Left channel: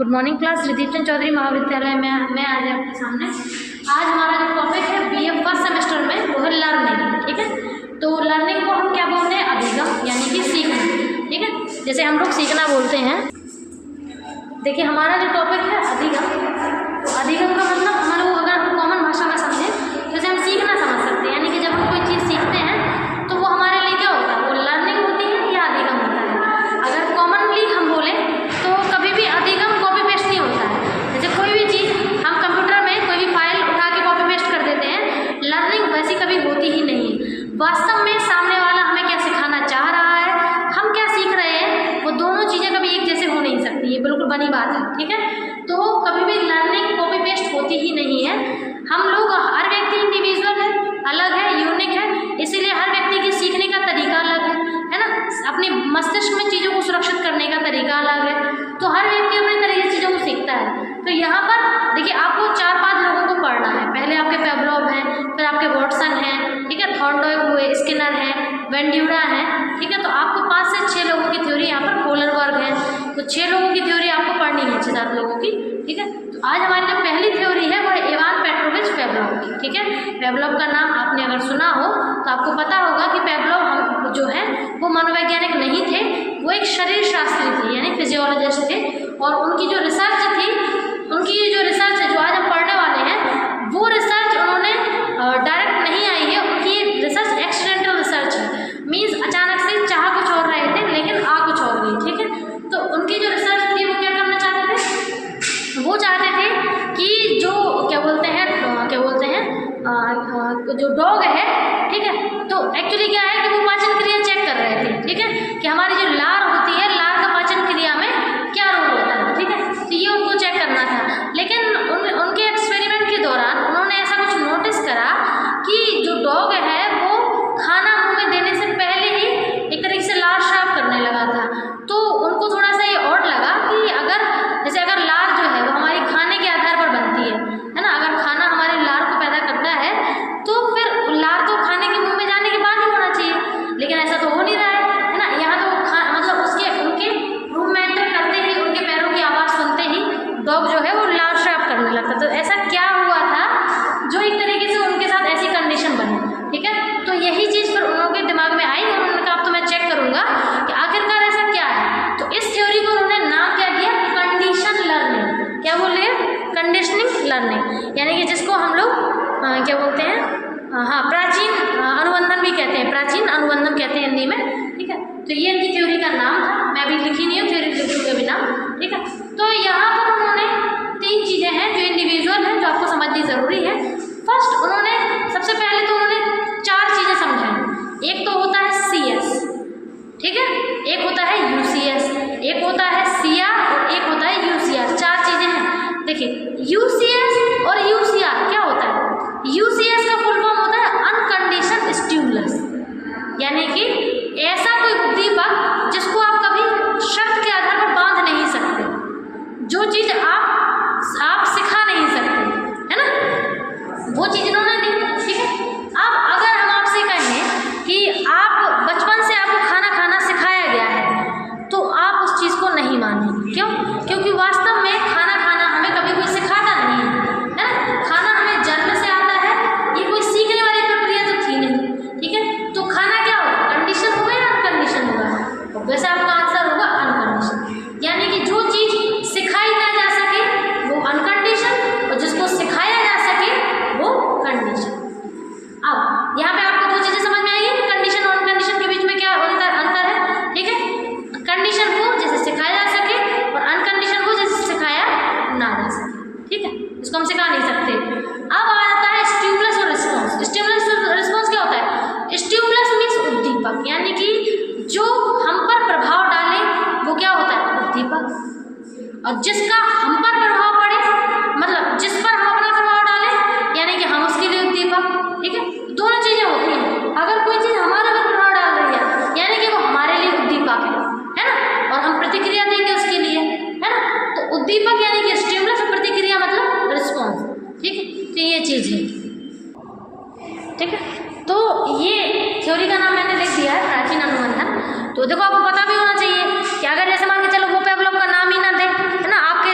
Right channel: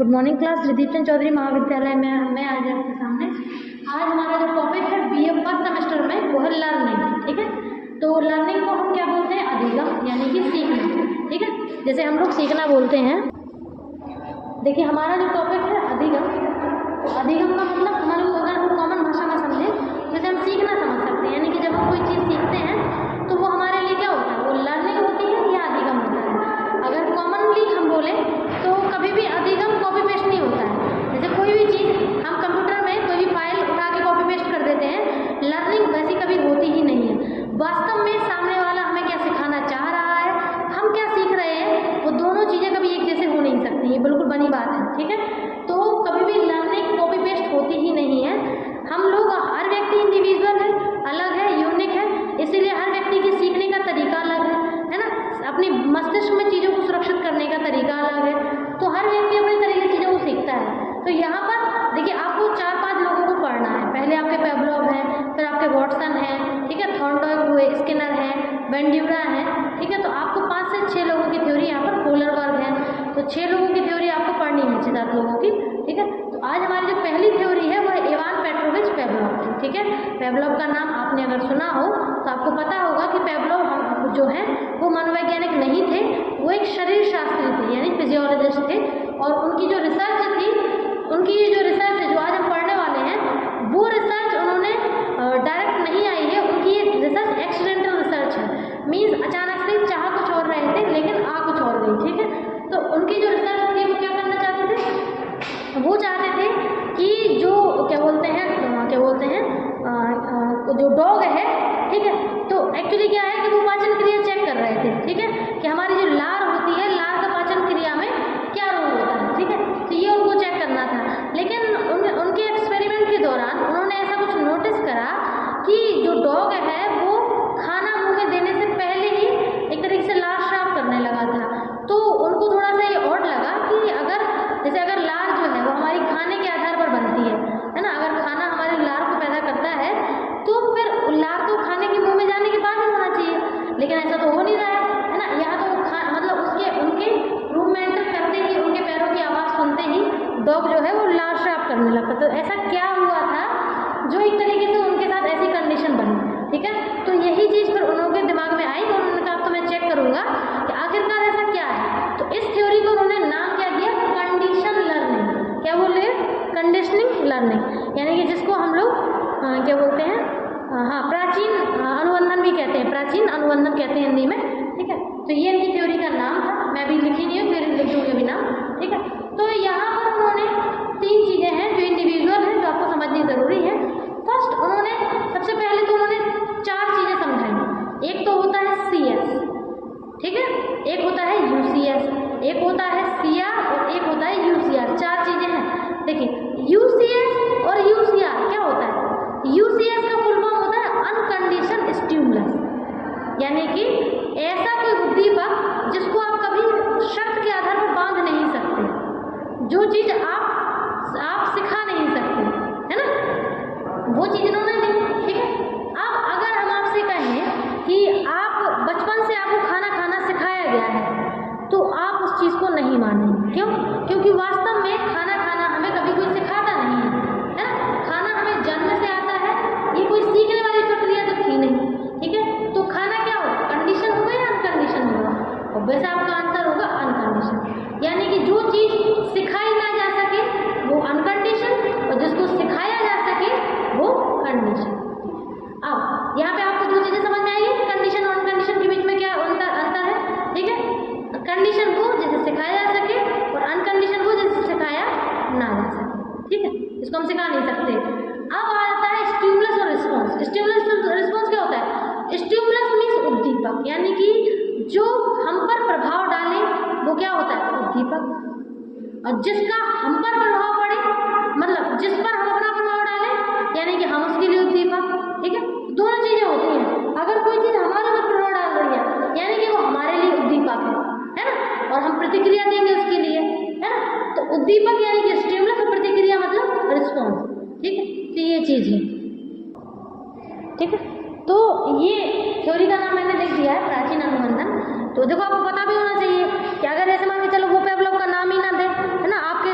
Good morning class. Ridip Chand Choudhury Mahavidyalaya में मैं आज आपके सामने आज हमारा जो टॉपिक है बीए फर्स्ट सेमेस्टर में वो है लर्निंग। ठीक है, तो लर्निंग को हम क्या बोलते हैं? अभिगम, यानी कि सीखना। ठीक है, जैसे हम लोग सीखना बोलते हैं। देखिए हमारा जो टॉपिक है अभिगम, तो अभिगम का मतलब हम लोग अगर हम कॉमन भाषा में समझें जैसे हम सीखना समझ सकते हैं, यानी कि जब हम कोई चीज़ सीखते हैं तो वो हमारे लिए क्या होता है? वो लर्निंग होती है या अधिगम होता है। अगर कॉमनली हम बोलें तो कभी भी अधिगम कॉपी पेस्ट नहीं होता है। जैसे कोई भी चीज़ हम कंप्यूटर में कोई भी फाइल उठा के कॉपी पेस्ट कर देते हैं, लर्निंग वैसी कभी होती ही नहीं है। वास्तव में सामने वाला हमें क्या सिखाना चाह रहा है, हम क्या सीख रहे हैं, वो दोनों चीज़ें कभी एक जैसे हो नहीं सकती, ये बिल्कुल बनी बात है। ठीक है, तो कभी भी लर्निंग कॉपी पेस्ट होती ही नहीं है। हम लोग हर व्यक्ति इंडिविजुअल है, अलग है, यूनिक है, इसीलिए हर व्यक्ति के सीखने का तरीका अलग है ना। अपनी मस्तिष्क में चीज़ों को सुरक्षित करने का तरीका अलग है, तो हर व्यक्ति अपने तरीके से चीज़ों को सीखता है। तो यहाँ पर देखिए आपको 4-5 लोगों को पढ़ना है। पहले आपके पेवलोव हैं, फिर आपके वॉटसन हैं, ठीक है, थॉर्नडॉय हुए, स्किनर हैं, वेंड्यूरा हैं। ठीक है, तो आपको 5 से 6 लोगों की थ्योरी यहाँ पर कोलरबर्ग है, तो 6 लोगों की थ्योरी आपको पढ़नी है, 6-7 लोगों की। ठीक है, तो आज हमारी जो पहली थ्योरी है वो है इवान पेट्रोविच पेवलोव की। ठीक है, पेवलोव का नाम आपने अगर सुना हो तो आपको पता होगा कि पेवलोव हम जो है वो मनोवैज्ञानिक नहीं थे, वो एक शरीर शास्त्री थे, यानी फिजियोलॉजिस्ट थे। और उनकी जो रिसर्च थी, उनकी जो रिसर्च है जो आज हम पढ़ने वाले हैं, वो रिसर्च उन्होंने डायरेक्ट नहीं आई है, उनकी रिसर्च एक्सीडेंटल रिसर्च है। मीन्स अचानक से चाह कुछ और रहे थे लेकिन आ कुछ और गई। ठीक है, तो उनकी जो रिसर्च थी वो क्या करना चाहते थे? वो चाहते थे कि जो क्या बोलते हैं जो डॉग है, ठीक है, तो एक्चुअली क्या है कि वो पाचन क्रिया चेक कर रहे थे। ठीक है, कि हमारी जो लार होती है, लार का पाचन क्रिया में क्या रोल होता है। ठीक है, तो ये उनको चेक करना था। लेकिन उनके एक्सपेरिमेंट के दौरान उन्होंने ऐसा कुछ नोटिस करा कि जो डॉग है वो खाना मुंह में देने से पहले ही एक तरीके से लार श्राप करने लगा था। तो उनको थोड़ा सा ये ऑड लगा कि अगर लार जो है वो हमारी खाने के आधार पर बनती है ना, अगर खाना हमारे लार को पैदा करता है तो फिर लार तो खाने के मुंह में जाने के बाद ही होना चाहिए, लेकिन ऐसा तो हो नहीं रहा है ना। यहाँ तो मतलब उनके रूम में एंटर करते ही, उनके पैरों की आवाज़ सुनते ही डॉग जो है वो लार श्राप करने लगता। तो ऐसा क्या हुआ था जो एक तरीके से उनके साथ ऐसी कंडीशन बनी। ठीक है, तो यही चीज़ फिर उनके दिमाग में आई और उन्होंने कहा अब तो मैं चेक करूँगा कि आखिरकार ऐसा क्या है। तो इस थ्योरी को उन्होंने नाम क्या दिया? Condition learning. क्या बोल रहे हैं? कंडीशनिंग लर्निंग, यानी कि जिसको हम लोग क्या बोलते हैं, प्राचीन अनुबंधन भी कहते हैं, प्राचीन अनुबंधन कहते हैं हिंदी में। ठीक है, तो ये इनकी थ्योरी का नाम था। मैं भी लिखी नहीं हूँ, थ्योरी लिख दूँगी अभी नाम। ठीक है, तो यहाँ पर उन्होंने 3 चीज़ें हैं जो इंडिविजुअल हैं, जो आपको समझनी ज़रूरी है। फर्स्ट उन्होंने सबसे पहले तो उन्होंने 4 चीज़ें समझाई। एक तो होता है CS, ठीक है, एक होता है UCS, एक होता है CR और एक होता है UCR। 4 चीज़ें हैं। देखिए UCS और UCR क्या होता है? UCS का फुल फॉर्म होता है अनकंडीशनड स्टिमुलस, यानी कि ऐसा कोई उद्दीपक जिसको आप कभी शर्त के आधार पर बांध नहीं सकते, जो चीज़ आप सिखा नहीं सकते, है ना, वो चीज़ इन्होंने दी। ठीक है, अब अगर हम आपसे कहें कि आप बचपन से आपको खाना खाना सिखाया गया है तो आप उस चीज़ को नहीं मानेंगे। क्यों? क्योंकि वास्तव में खाना खाना हमें कभी कोई सिखाता नहीं है, है ना। खाना हमें जन्म से आता है, ये कोई सीखने वाली प्रक्रिया तो थी नहीं। ठीक है, तो खाना क्या होगा? कंडीशन होगा या अनकंडीशन होगा? और वैसे आपका आंसर होगा अनकंडीशन, यानी कि जो चीज़ सिखाई ना जा सके वो अनकंडीशन और जिसको सिखाया जा सके वो कंडीशन। अब यहाँ पे आपको 2 चीज़ें समझ में आई है, कंडीशन और अनकंडीशन के बीच में क्या अंतर है। ठीक है, कंडीशन को जैसे सिखाया जा सके और अनकंडीशन को जैसे सिखाया ना जा सके। ठीक है, इसको हम सिखा नहीं सकते। अब आता है स्टिमुलस और रिस्पॉन्स। स्टिमुलस और रिस्पॉन्स क्या होता है? स्टिमुलस मीन्स उद्दीपक, यानी कि जो हम पर प्रभाव डाले वो क्या होता है? उद्दीपक। और जिसका हम पर प्रभाव पड़े, मतलब जिस पर हम अपना प्रभाव डालें, यानी कि हम उसके लिए उद्दीपक। ठीक है, दोनों चीज़ें होती हैं। अगर कोई चीज़ हमारे पर प्रभाव डाल रही है, यानी कि वो हमारे लिए उद्दीपक है ना, और हम प्रतिक्रिया देंगे उसके लिए, है ना। तो उद्दीपक यानी कि स्टिमुलस और प्रतिक्रिया मतलब रिस्पॉन्स। ठीक है, तो ये चीज़ है। ठीक है, तो ये थ्योरी का नाम मैंने लिख दिया है प्राचीन अनुबंधन। तो देखो आपको पता भी होना चाहिए कि अगर जैसे मान के चलो वो पेवलोव का नाम ही ना दे, है ना, आपके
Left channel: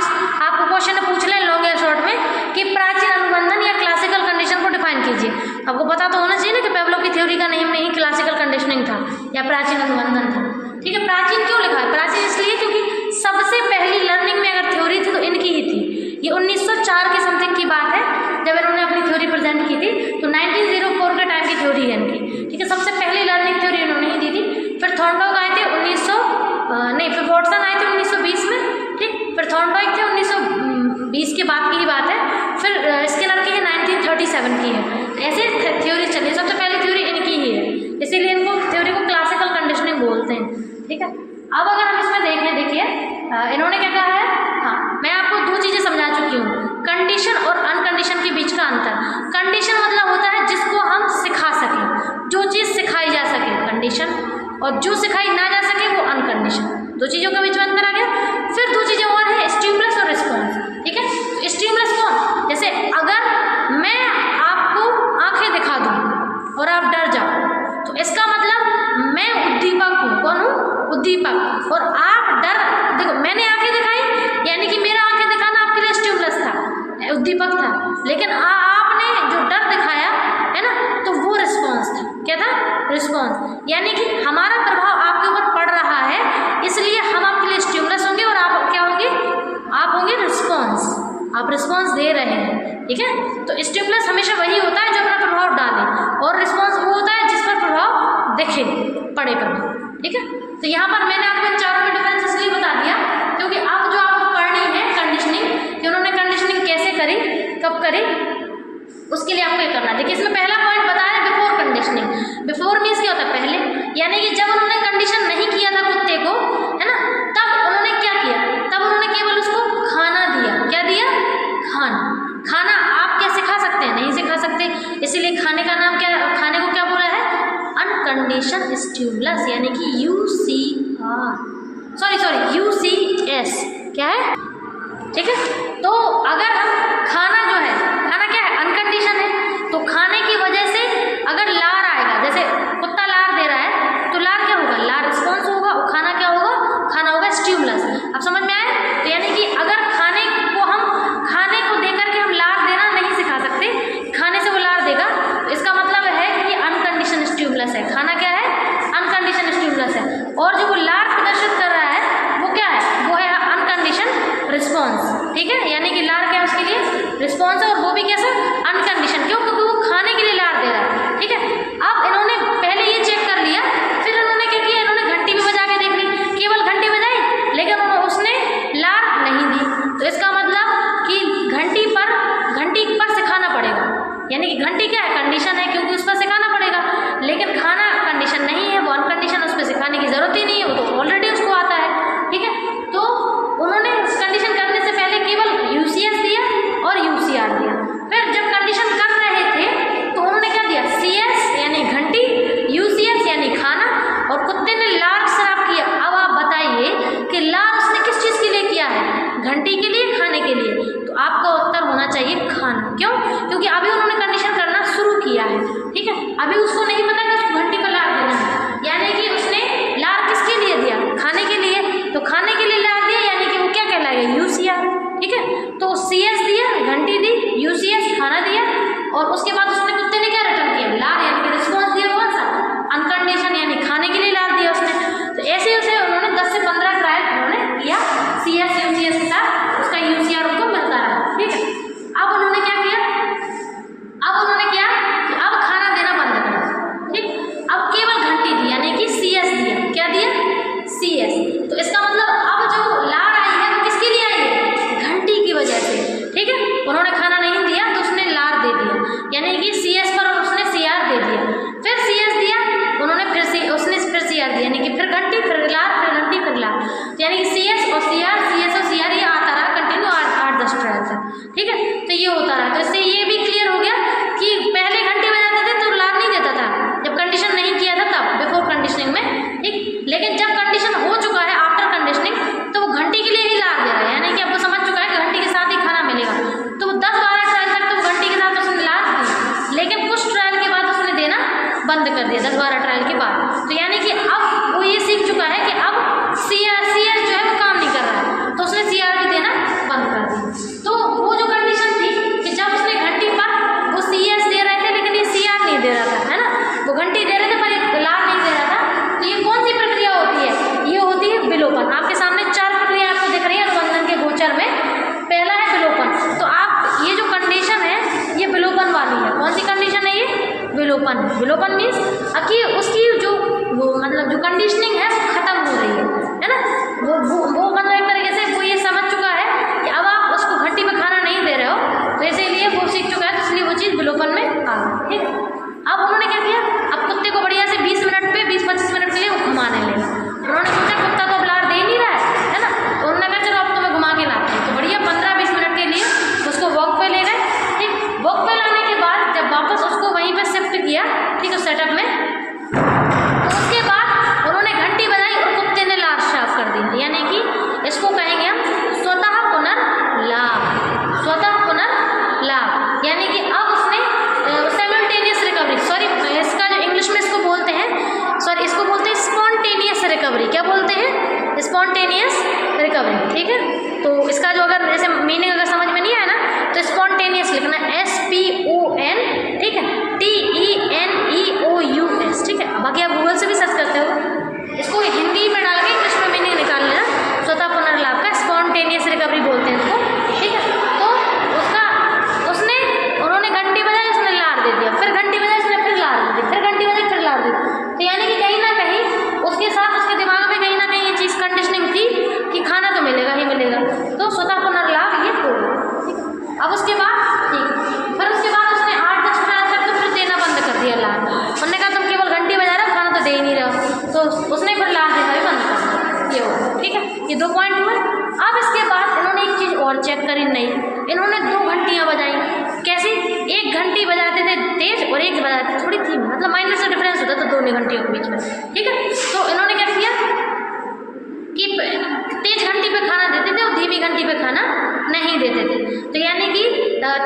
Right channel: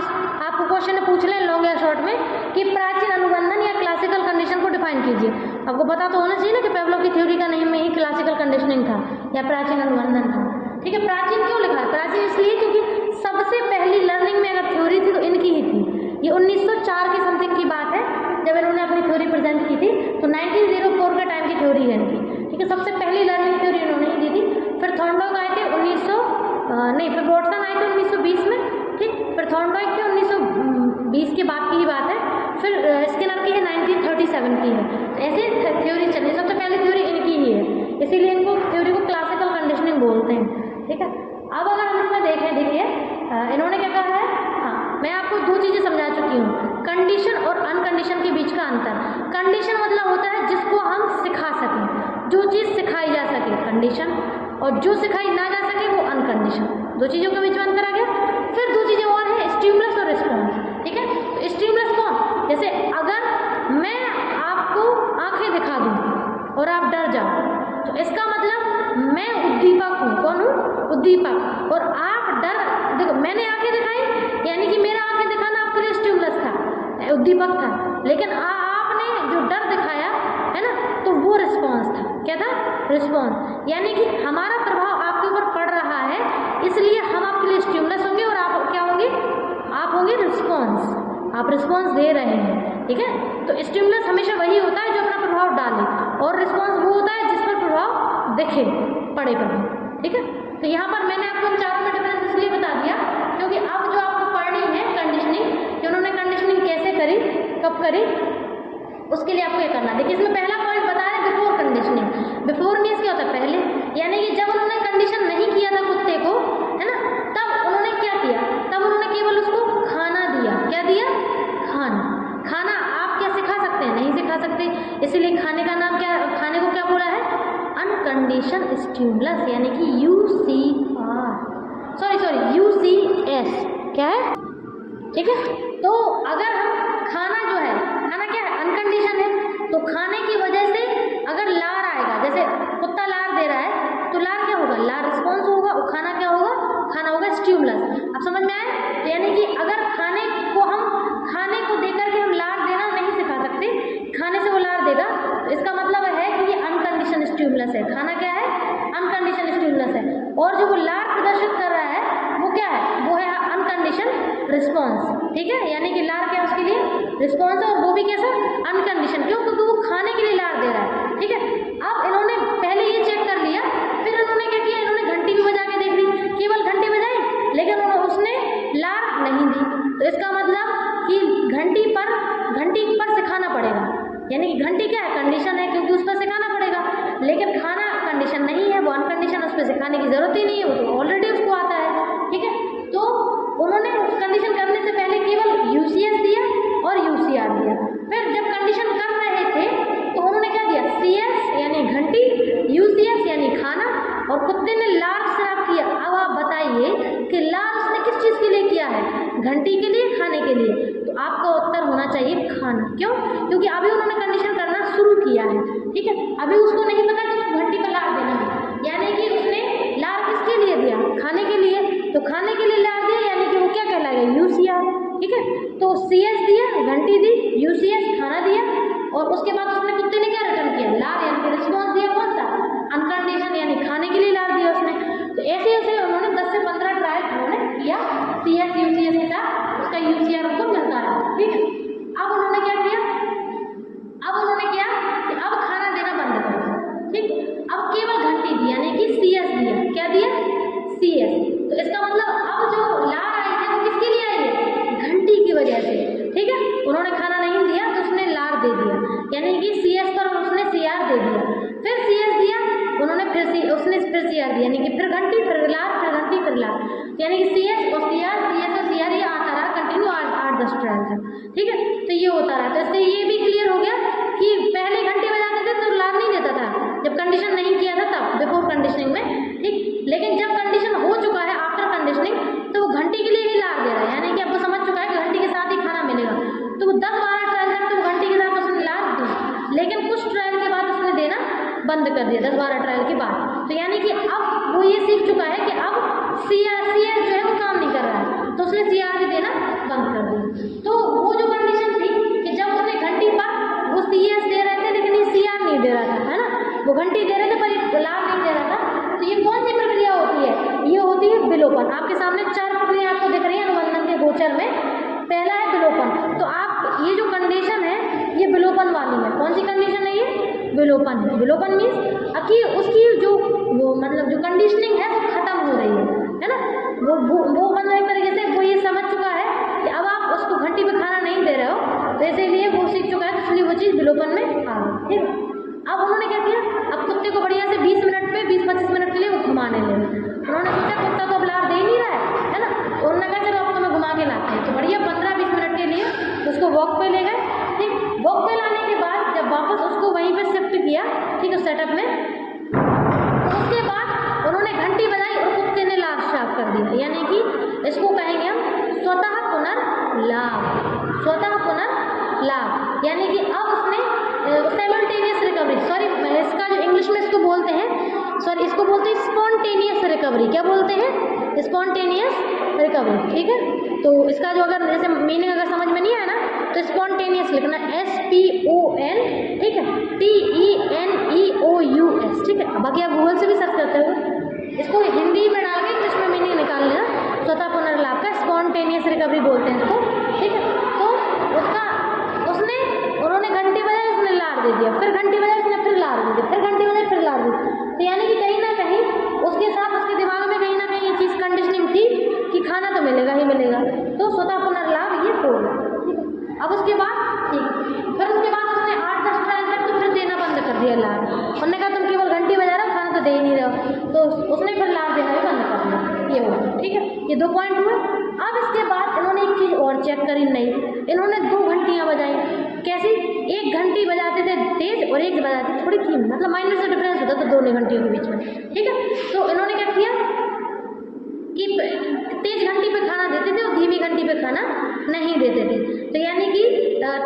आपको पता तो होना चाहिए ना कि पेवलोव की थ्योरी का नेम नहीं क्लासिकल कंडीशनिंग था या प्राचीन अनुबंधन था। ठीक है, प्राचीन क्यों लिखा है? प्राचीन इसलिए क्योंकि सबसे पहली लर्निंग में अगर थ्योरी थी तो इनकी ही थी। ये 1904 के समथिंग की बात है जब इन्होंने अपनी थ्योरी प्रेजेंट की थी, तो 1904 के टाइम की थ्योरी है इनकी। ठीक है, सबसे पहली लर्निंग थ्योरी इन्होंने ही दी थी। फिर थॉर्नडाइक आए थे फिर वॉटसन आए थे 1920 में। ठीक, फिर थॉर्नडाइक थे 1920 के बाद की ही बात है। फिर स्किनर की 1937 की है। ऐसे थ्योरी चली, सबसे पहली थ्योरी इनकी ही है, इसीलिए इनको थ्योरी को क्लासिकल कंडीशनिंग बोलते हैं। ठीक है, अब अगर हम इसमें देखें, देखिए इन्होंने क्या कहा है। हाँ, मैं आपको दो चीज़ें समझा चुकी हूँ, कंडीशन और अनकंडीशन के बीच का अंतर। कंडीशन मतलब होता है जिसको हम सिखा सकें, जो चीज़ सिखाई जा सके कंडीशन, और जो सिखाई ना जा सके वो अनकंडीशन। दो चीज़ों के बीच में अंतर आ गया। फिर दो चीज़ें और हैं, स्टिमुलस और रिस्पॉन्स। ठीक है, तो स्टिमुलस कौन? जैसे अगर मैं आपको आंखें दिखा दूँ और आप डर जाओ, तो इसका मतलब मैं उद्दीपक हूँ। कौन हूँ? उद्दीपक। और आप डर, देखो मैंने आंखें दिखाई, यानी कि मेरा आंखें दिखाना आपके लिए स्टिमुलस था, उद्दीपक था। लेकिन आपने जो डर दिखाया है ना, तो वो रिस्पॉन्स था। क्या था? रिस्पॉन्स। यानी कि हमारा प्रभाव आपके ऊपर पड़ रहा है, इसलिए हम आपके लिए स्टिमुलस होंगे और आप क्या होंगे? आप होंगे रिस्पॉन्स। आप रिस्पॉन्स दे रहे हैं। ठीक है, तो स्टिमुलस हमेशा वही होता है जो अपना प्रभाव डाले, और रिस्पॉन्स वो होता है जिस पर प्रभाव दिखे, पड़े प्रभाव। ठीक है, तो यहाँ पर मैंने आपको इन चारों का डिफरेंस इसलिए बता दिया क्योंकि अब जो आपको पढ़नी है कंडीशनिंग, कि उन्होंने कंडीशनिंग कैसे करी, कब करी, उसके लिए आपको ये करना है। देखिए इसमें पहला पॉइंट बताया बिफोर कंडीशनिंग। बिफोर मीन्स क्या होता है? पहले, यानी कि जब उन्होंने कंडीशन नहीं किया था कुत्ते को, है ना, तब उन्होंने क्या किया? तब उन्होंने केवल उसको खाना दिया। क्या दिया? खाना। खाना आप क्या सिखा सकते हैं? नहीं सिखा सकते, इसीलिए खाने का नाम क्या, खाने को क्या बोला है? अनकंडीशन स्टिमुलस, यानी कि UCS। क्या है? ठीक है, तो अगर हम खाना जो है, खाना क्या है? अनकंडीशन है। तो खाने की वजह से अगर लार आएगा, जैसे कुत्ता लार दे रहा है, तो लार क्या होगा? लार रिस्पॉन्स होगा, और खाना क्या होगा? खाना होगा स्टिमुलस। अब समझ में आया? तो यानी कि अगर खाने को देकर के हम लार देना नहीं सिखा सकते, खाने से वो लार देगा, तो इसका मतलब है कि ये अनकंडीशन स्टिमुलस है। खाना क्या है? अनकंडीशन स्टिमुलस है। और जो वो लार प्रदर्शित कर रहा है वो क्या है? वो है अनकंडीशन रिस्पॉन्स। ठीक है, यानी कि लार क्या है? उसके लिए रिस्पॉन्स है, और वो भी कैसा? अनकंडीशन। क्यों? क्योंकि वो खाने के लिए लार दे रहा है। ठीक है, अब इन्होंने पहले ये चेक कर लिया, फिर इन्होंने क्या किया? इन्होंने घंटी भी बजा के देख ली, केवल घंटी बजाई, लेकिन उसने लार नहीं दी। तो इसका मतलब कि घंटी पर सिखाना पड़ेगा, यानी कि घंटी क्या है? कंडीशन है, क्योंकि उस पर सिखाना पड़ेगा। लेकिन खाना कंडीशन नहीं है, वो अनकंडीशन, उस पर सिखाने की जरूरत ही नहीं है, वो तो ऑलरेडी उसको आता है। ठीक है, तो उन्होंने कंडीशन करने से पहले केवल UCS दिया और UCR दिया। फिर जब कंडीशन कर रहे थे तो उन्होंने क्या दिया? CS यानी घंटी, UCS यानी खाना, और कुत्ते ने लार श्राप किया। अब आप बताइए कि लार उसने किस चीज़ के लिए किया है? घंटी के लिए, खाने के लिए? तो आपका उत्तर होना चाहिए खाना। क्यों? क्योंकि अभी उन्होंने कंडीशन करना शुरू किया है। ठीक है, अभी उसको नहीं पता कि उसको घंटी पर लार देना है, यानी कि उसने लार किसके लिए दिया? खाने के लिए। तो खाने के लिए लार दिया, यानी कि वो क्या कहलाएगा? UCR। ठीक है, तो CS दिया, घंटी दी, UCS खाना दिया, और उसके बाद उसने कुत्ते ने क्या रिटर्न किया? लार, यानी कि रिस्पॉन्स दिया। कौन सा? अनकंडीशन, यानी खाने के लिए लार दिया उसने। तो ऐसे उसे उन्होंने 10 से 15 ट्रायल उन्होंने किया CS UCS के साथ, उसका UCR उनको मिलता रहा। ठीक है, अब उन्होंने क्या किया कि अब खाना देना बंद कर दिया। ठीक, अब केवल घंटी दी, यानी कि CS दिया। क्या दिया? CS। तो इसका मतलब अब जो लार आई है वो किसके लिए आई है? घंटी की वजह से। ठीक है, उन्होंने खाना नहीं दिया तो उसने लार दे दिया, यानी कि CS पर उसने CR दे दिया। फिर CS दिया उन्होंने, उसने फिर CR दिया, यानी कि फिर घंटी, फिर लार, फिर घंटी, फिर लार, यानी कि CS और CR, CS और CR, ये आता रहा कंटिन्यू 8-10 ट्रायल तक। ठीक है, तो ये होता रहा। तो इससे ये भी क्लियर हो गया कि पहले घंटी बजाते थे तो लार नहीं देता था, जब कंडीशन नहीं किया था तब, बिफोर कंडीशनिंग में। ठीक, लेकिन जब कंडीशन हो चुका है आफ्टर कंडीशनिंग, तो वो घंटी के लिए ही लार दे रहा है, यानी कि अब वो समझ चुका है कि घंटी के साथ ही खाना मिलेगा। तो 10-12 ट्रायल तक तो घंटी के साथ उसने लार दी, लेकिन कुछ ट्रायल के बाद उसने देना बंद कर दिया, 10-12 ट्रायल के बाद। तो यानी कि अब वो ये सीख चुका है कि अब CS जो है वो काम नहीं कर रहा है, तो उसने CR भी देना बंद कर दिया। तो वो जो कंडीशन थी कि जब उसने घंटी पर वो CS दे रहे थे, लेकिन ये CR नहीं फ्यूचर में। पहला है विलोपन। तो आप ये जो कंडीशन है ये विलोपन वाली है। कौन सी कंडीशन है ये? विलोपन। विलोपन मीन्स कि उसकी जो मतलब जो कंडीशनिंग है वो खत्म हो रही है ना। वो मतलब एक तरीके से वो ये समझ चुका है कि अब आप उसको घंटी पे खाना नहीं दे रहे हो, तो इसीलिए वो सीख चुका है, इसलिए वो चीज़ विलोपन में आ गई। ठीक है। अब उन्होंने क्या किया, अब कुत्ते को बढ़िया से 20 मिनट पे 20-25 मिनट के लिए वो घुमाने लगे। उन्होंने सोचा कुत्ता तो अब लार दे ही नहीं रहा है ना, तो उन्होंने कहा चलो अब तुम्हें घुमा के लाते हैं। तो बढ़िया 15-20 मिनट के लिए उसको वॉक पे ले गए। ठीक, वॉक पे लाने के बाद जब वापस उसको वहीं पे शिफ्ट किया, ठीक है, सेटअप में, तो उसके बाद उन्होंने घंटी बजाई और कुत्ते ने लार साफ कर दी। यानी कि इसको कहेंगे हम स्वतः पुनर्लाभ। स्वतः पुनर्लाभ यानी कि अब उसने साइमल्टेनियस रिकवरी, सॉरी इसका जो इंग्लिश में इसको बोलते हैं, सॉरी इसको बोलते हैं स्पॉन्टेनियस रिकवरी। क्या बोलते हैं? Spontaneous recovery. ठीक है। तो इसका जो अगर जैसे मीनिंग अगर समझ में नहीं आया ना तो स्पॉन्टेनियस लिखना SPON, ठीक है, TENEOUS। ठीक है। बाकी आप गूगल से भी सर्च करते हो, इसको हिंदी में डाल के इंग्लिश में मीनिंग निकाल लेना। स्वतः पुनर्लाभ का स्पॉन्टेनियस रिकवरी बोलते हैं इसको। ठीक है। तो उन्होंने घंटी बजाई, उसने लार दे दिया, फिर घंटी बजाई, उसने फिर लार दे दी, फिर घंटी बजाई, फिर लार दी। तो यानी कि कहीं ना कहीं उसके साथ उसके दिमाग में कहीं ना कहीं ये चीज़ कंडीशनिंग थी कि खाना तो मिलेगा ही मिलेगा। तो स्वतः पुनर्लाभ ये हो गया। ठीक है। अब उसके बाद ठीक, फिर उसके बाद उसने 8-10 ट्रायल तक तो फिर देना बंद कर दिया लार। उन्होंने कहा तुम केवल घंटी बजा रहे हो, खाना तो दे ही नहीं रहे हो, तो उसने फिर लार देना भी बंद कर दिया। ये हो, ठीक है, ये 2 पॉइंट हुए। अब इसके बाद इन्होंने एक चीज़ और चेक करी, नहीं, इन्होंने 2 घंटियाँ बजाई। कैसी? एक घंटी बजाते थे तेज और एक बजाते थोड़ी थी, मतलब माइनर से डिफरेंस होता था दोनों घंटियों के बीच में। ठीक है। तो इन्होंने क्या किया कि तेज घंटी पे खाना देते थे और धीमी घंटी पे खाना नहीं देते थे। तो यानी कि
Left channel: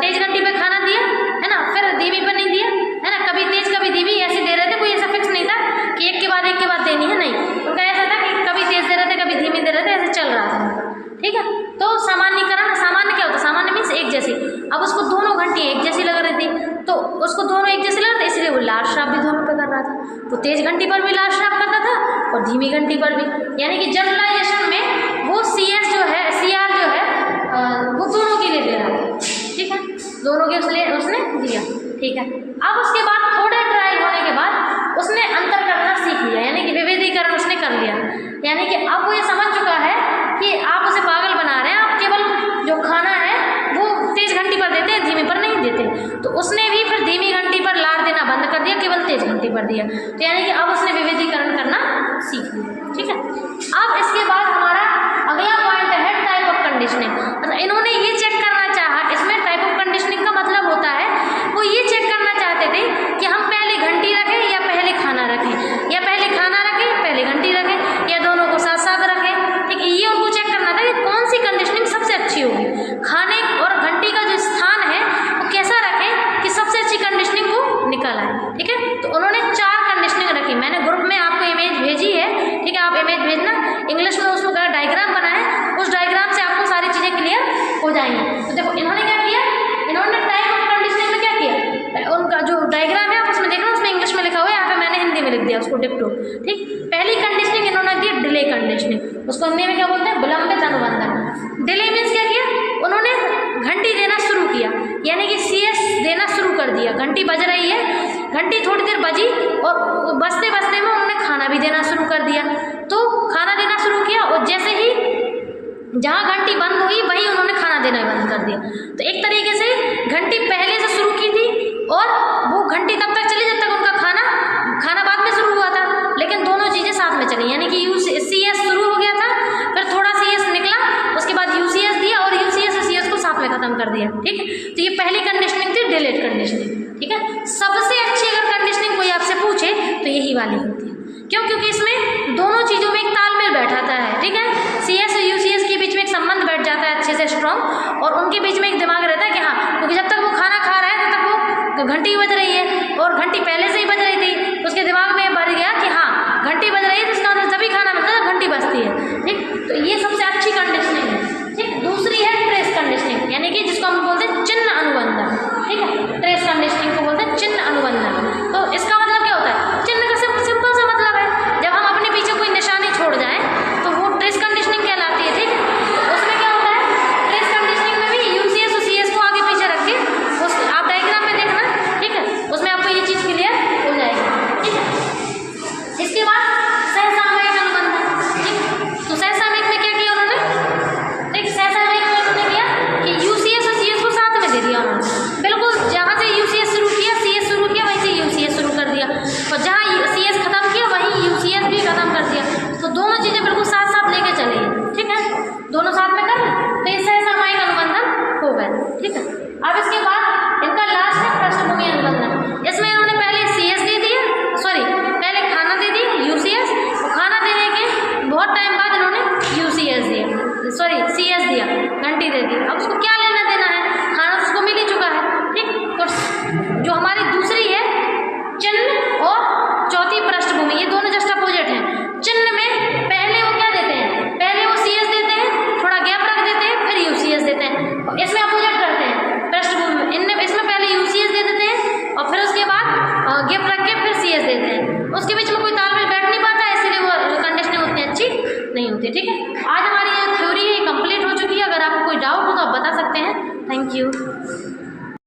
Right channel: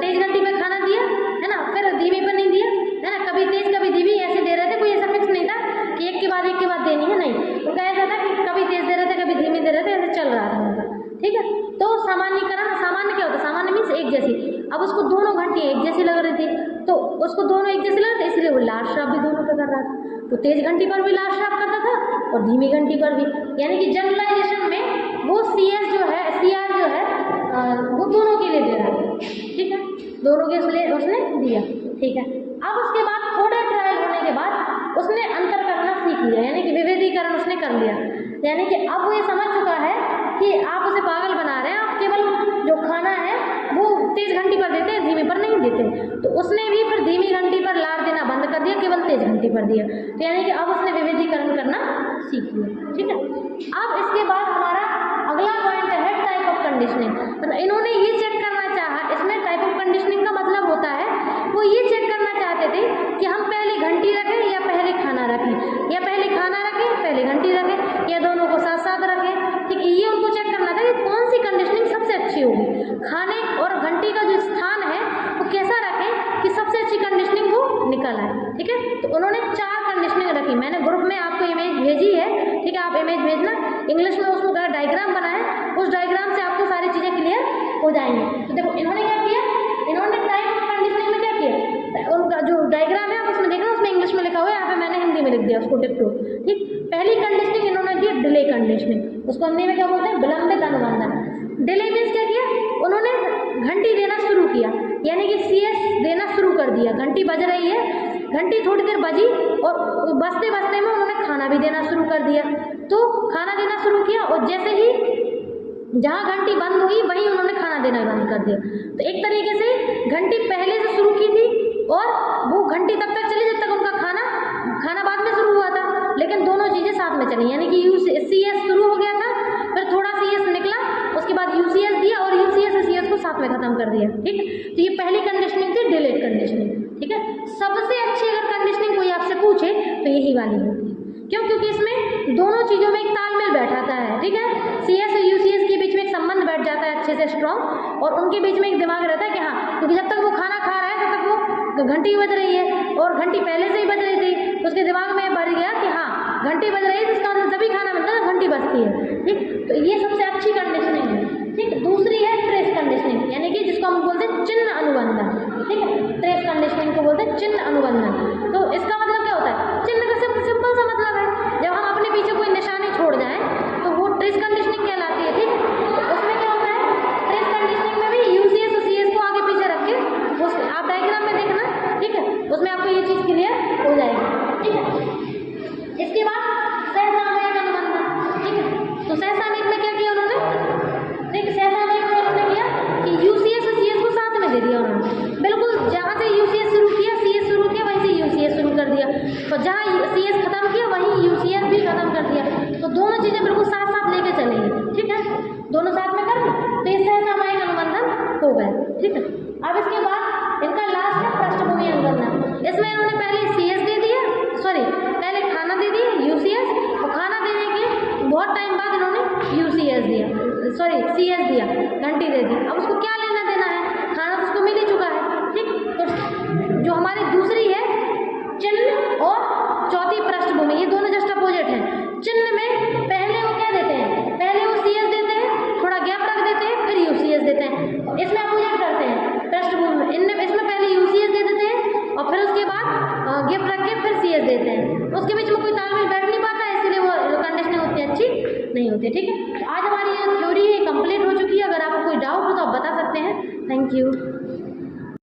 तेज घंटी पे खाना दिया है ना, फिर धीमी पे नहीं दिया है ना, कभी तेज कभी धीमी ऐसे दे रहे थे। कोई ऐसा फिक्स नहीं था कि एक के बाद देनी है, नहीं। उनका ऐसा था कि कभी तेज दे रहे थे कभी धीमी दे रहे थे, ऐसे चल रहा था उनका। ठीक है। तो सामान्यकरण, सामान्य क्या होता है? सामान्य मीन्स एक जैसी। अब उसको दोनों घंटियाँ एक जैसी लग रही थी, तो उसको दोनों एक जैसी लग रही थी, इसलिए वो लार श्राप भी दोनों पे कर रहा था। तो तेज घंटी पर भी लार श्राप करता था और धीमी घंटी पर भी। यानी कि जनरलाइजेशन में वो CS जो है, CR जो है वो दोनों के लिए दे रहा था। ठीक है। दोनों के उसने दिया। ठीक है। अब उसके बाद थोड़े ट्रायल होने के बाद उसने अंतर करना सीख लिया, यानी कि विविधीकरण उसने कर लिया। यानी कि अब वो ये समझ चुका है कि आप उसे पागल बना रहे हैं, आप केवल जो खाना है वो तेज घंटी पर देते हैं, धीमी पर नहीं देते। तो उसने भी फिर धीमी घंटी पर लार देना बंद कर दिया, केवल तेज घंटी पर दिया। तो यानी कि अब उसने विविधीकरण करना सीख लिया। ठीक है। अब इसके बाद हमारा अगला पॉइंट है टाइप ऑफ कंडीशनिंग। मतलब इन्होंने ये चेक करना चाहा, इसमें टाइप ऑफ कंडीशनिंग का मतलब होता है वो ये चेक करना चाहते थे कि हम पहले घंटी रखें या पहले खाना रखें, या पहले खाना रखें पहले घंटी रखें, या दोनों को साथ साथ रखें। ठीक है। ये उनको चेक करना था कि कौन सी कंडीशनिंग सबसे अच्छी होगी, खाने और घंटी का जो स्थान है वो कैसा रखें कि सबसे अच्छी कंडीशनिंग वो निकल आए। ठीक है। तो उन्होंने 4 कंडीशनिंग रखी। मैंने ग्रुप में आपको इमेज भेजी है। ठीक है। आप इमेज भेजना, इंग्लिश में उसको डायग्राम बनाए, उस डायग्राम से आपको सारी चीज़ें क्लियर हो जाएंगी। तो देखो इन्होंने क्या किया, इन्होंने टाइप ऑफ कंडीशनिंग में क्या किया, उनका जो डायग्राम है उसमें देखना, उसमें इंग्लिश में लिखा हुआ है, यहाँ पे मैंने हिंदी में लिख दिया उसको डिप्टो। ठीक। पहली कंडीशनिंग इन्होंने दी डिले कंडीशनिंग, उसको हिंदी में क्या बोलते हैं, विलंबित अनुबंधन। डिले मीन्स क्या किया, उन्होंने घंटी देना शुरू किया, यानी कि CS देना शुरू कर दिया। घंटी बज रही है, घंटी थोड़ी देर बजी और बजते बजते में उन्होंने खाना भी देना शुरू कर दिया। तो खाना देना शुरू किया और जैसे ही जहाँ घंटी बंद हुई वहीं उन्होंने खाना देना बंद कर दिया। तो एक तरीके से घंटी पहले से शुरू की थी और वो घंटी तब तक चली जब तक उनका खाना बाद में शुरू हुआ था, लेकिन दोनों चीज़ें साथ में चली। यानी कि CS शुरू हो गया था, फिर थोड़ा CS निकला, उसके बाद UCS दिया और UCS से CS को साथ में ख़त्म कर दिया। ठीक है। तो ये पहली कंडीशनिंग थी डिलेड कंडीशनिंग। ठीक है। सबसे अच्छी अगर कंडीशनिंग कोई आपसे पूछे तो यही वाली होती है। क्यों? क्योंकि इसमें दोनों चीज़ों में एक तालमेल बैठाता है। ठीक है। CS और UCS के बीच में एक संबंध बैठ जाता है अच्छे से स्ट्रॉन्ग, और उनके बीच में एक दिमाग रहता है कि हाँ, क्योंकि जब तक वो खाना खा रहा है तब तक वो घंटी बज रही है, और घंटी पहले से ही बज रही थी, उसके दिमाग में भर गया कि हाँ घंटी बज रही है, जिसका मतलब जब भी खाना मिलता है घंटी बजती है। ठीक। तो ये सबसे अच्छी कंडीशनिंग है। ठीक। दूसरी है ट्रेस कंडीशनिंग, यानी कि जिसको हम बोलते हैं चिन्ह अनुबंधन। ठीक है। ट्रेस कंडीशनिंग को बोलते हैं चिन्ह अनुबंधन। तो इसका मतलब क्या होता है, चिन्ह का सिंपल सा मतलब है जब हम अपने पीछे कोई निशानी छोड़ जाएं तो वो ट्रेस कंडीशनिंग कहलाती है। ठीक है। तो उसमें क्या होता है अब इसके बाद इनका लास्ट है पृष्ठभूमि अनुबंधन। इसमें इन्होंने पहले CS दे दिया, सॉरी पहले खाना दे दिया UCS, और खाना देने के बहुत टाइम बाद इन्होंने UCS दिया, सॉरी CS दिया, घंटी दे दी। अब उसको क्या लेना देना है, खाना तो उसको मिल ही चुका है, ठीक। तो जो हमारी दूसरी है चिन्ह और चौथी पृष्ठभूमि, ये दोनों जस्ट अपोजिट हैं। चिन्ह में पहले वो क्या देते हैं, पहले वो CS देते हैं, थोड़ा गैप रख देते हैं, फिर UCS देते हैं, और इसमें अपोजिट करते हैं पृष्ठभूमि में। इसमें पहले UCS दे देते हैं और फिर उसके बाद गैप रख के फिर CS देते हैं। उसके बीच में कोई तालमेल बैठ नहीं पाता, इसलिए वो कंडीशनें उतनी अच्छी नहीं होती, ठीक है। आज हमारी ये थ्योरी है कंप्लीट हो चुकी है। अगर आपको कोई डाउट हो तो आप बता सकते हैं। Thank you.